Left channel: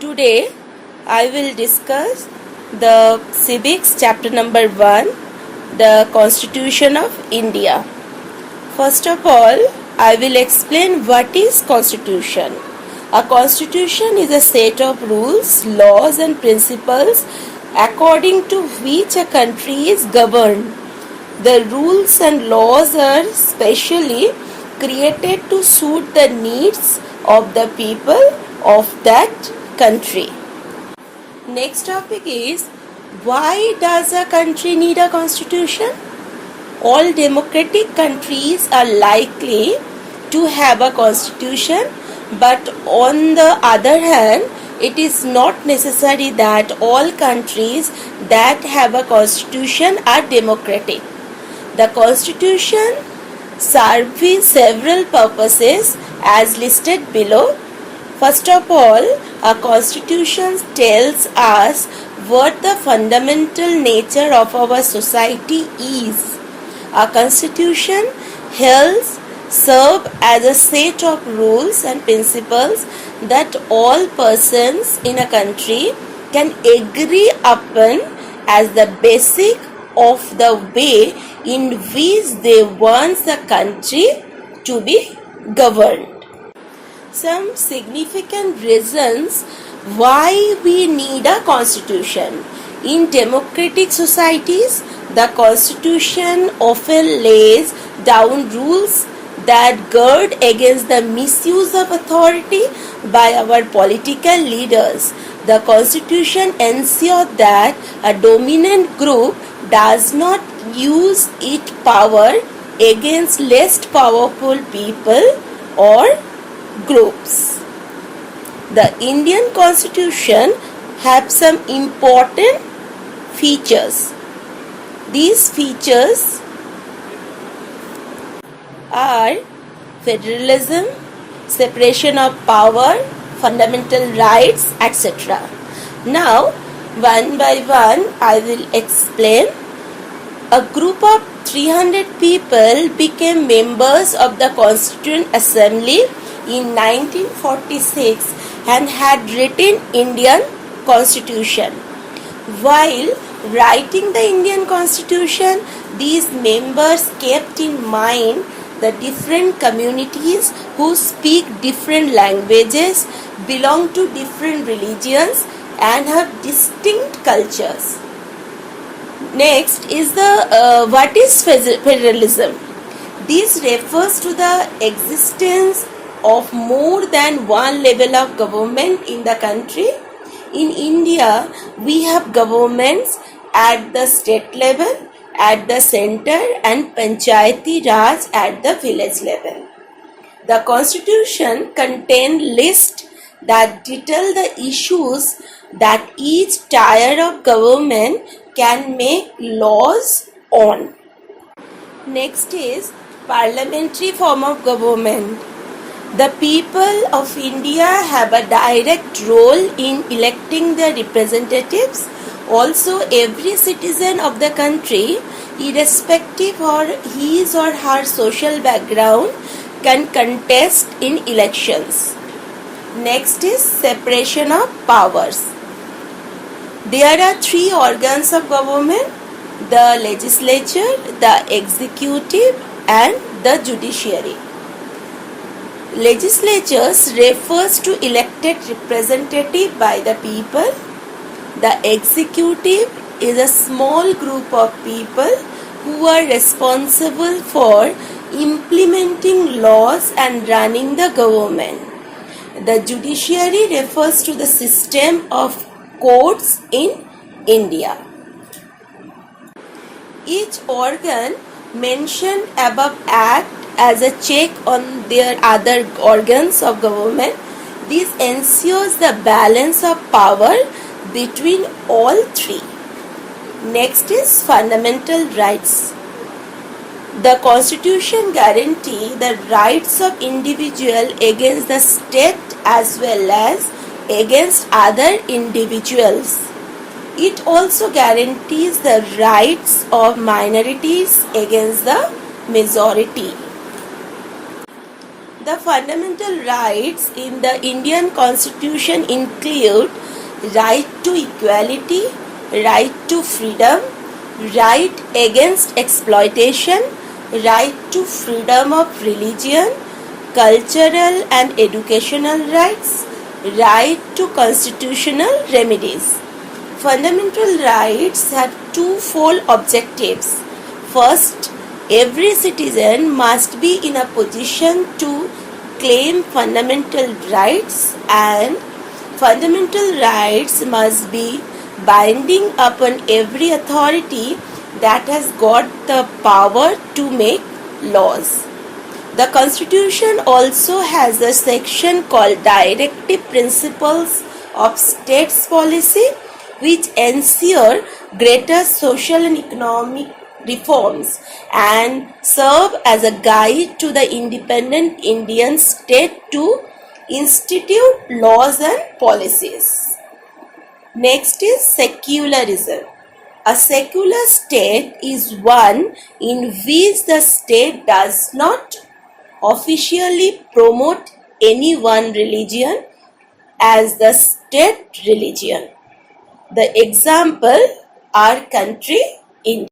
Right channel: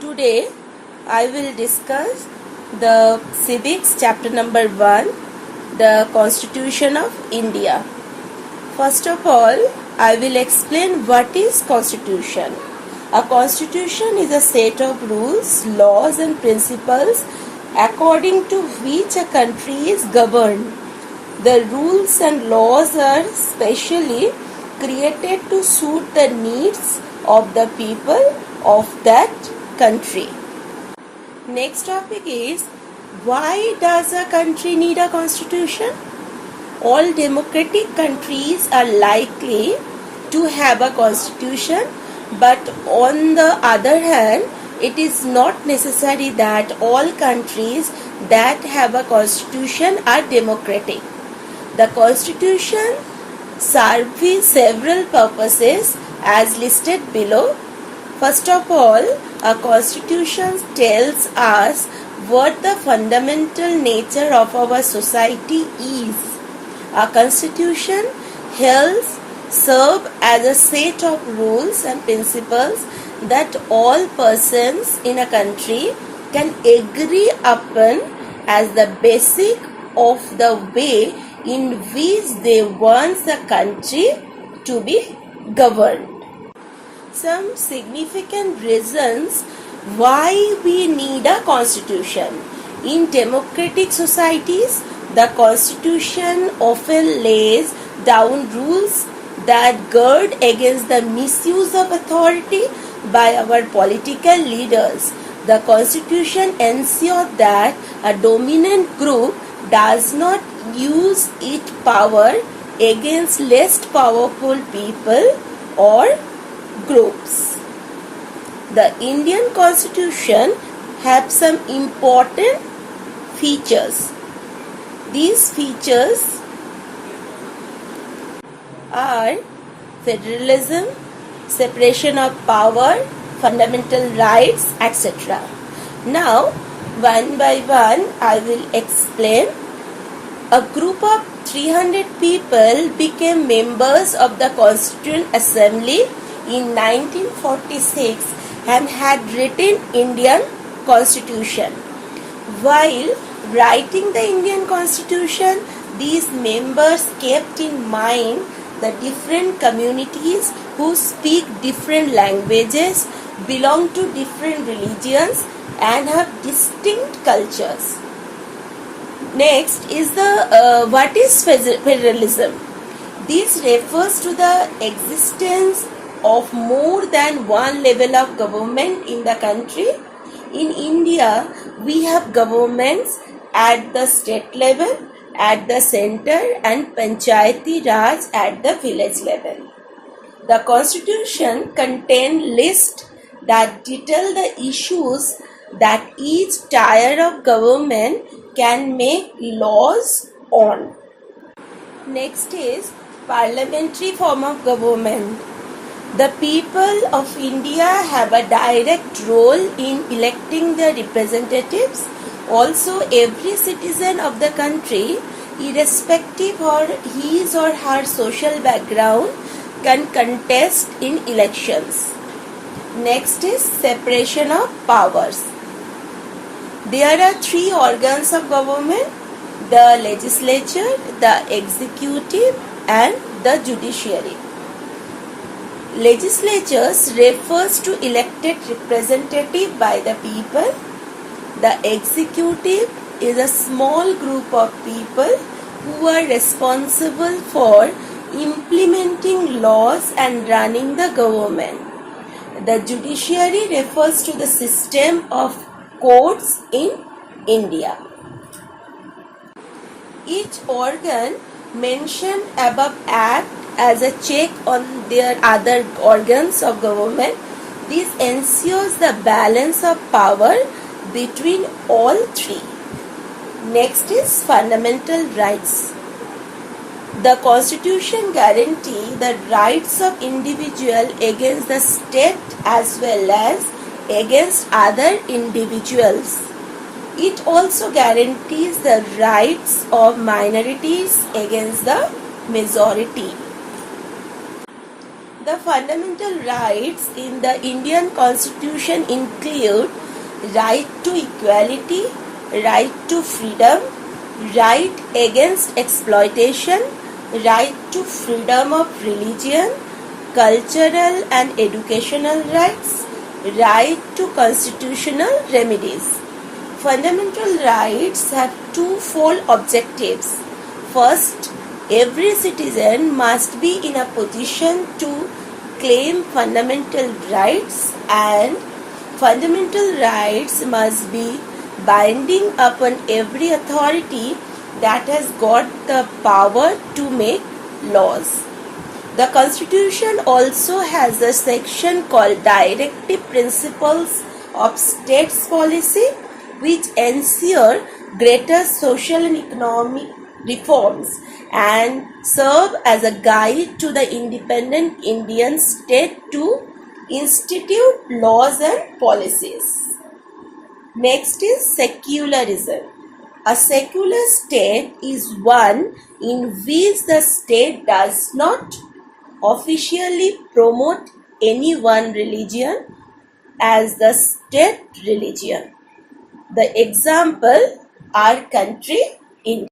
Today I will discuss the civics chapter number 1, the Constitution of India. First of all, I will explain what is constitution. A constitution is a set of rules, laws and principles according to which a country is governed. The rules and laws are specially created to suit the needs of the people of that country. Next topic is, why does a country need a constitution? All democratic countries are likely to have a constitution, but on the other hand, it is not necessary that all countries that have a constitution are democratic. The constitution serves several purposes as listed below. First of all, a constitution tells us what the fundamental nature of our society is. A constitution helps serve as a set of rules and principles that all persons in a country can agree upon as the basic of the way in which they want the country to be governed. Some significant reasons why we need a constitution. In democratic societies, the constitution often lays down rules that guard against the misuse of authority by our political leaders. The constitution ensures that a dominant group does not use its power against less powerful people or groups. The Indian Constitution have some important features. These features are federalism, separation of power, fundamental rights, etc. Now, one by one, I will explain. A group of 300 people became members of the Constituent Assembly in 1946 and had written Indian Constitution. While writing the Indian Constitution, these members kept in mind the different communities who speak different languages, belong to different religions and have distinct cultures. Next is what is federalism? This refers to the existence of more than one level of government in the country. In India, we have governments at the state level, at the center and Panchayati Raj at the village level. The constitution contains lists that detail the issues that each tier of government can make laws on. Next is parliamentary form of government. The people of India have a direct role in electing the representatives. Also, every citizen of the country, irrespective of his or her social background, can contest in elections. Next is separation of powers. There are three organs of government: the legislature, the executive and the judiciary. Legislatures refers to elected representative by the people. The executive is a small group of people who are responsible for implementing laws and running the government. The judiciary refers to the system of courts in India. Each organ mentioned above act as a check on their other organs of government. This ensures the balance of power between all three. Next is fundamental rights. The Constitution guarantees the rights of individual against the state as well as against other individuals. It also guarantees the rights of minorities against the majority. The fundamental rights in the Indian Constitution include right to equality, right to freedom, right against exploitation, right to freedom of religion, cultural and educational rights, right to constitutional remedies. Fundamental rights have twofold objectives. First, every citizen must be in a position to claim fundamental rights, and fundamental rights must be binding upon every authority that has got the power to make laws. The Constitution also has a section called Directive Principles of States Policy, which ensure greater social and economic reforms and serve as a guide to the independent Indian state to institute laws and policies. Next is secularism. A secular state is one in which the state does not officially promote any one religion as the state religion. The example, our country, India.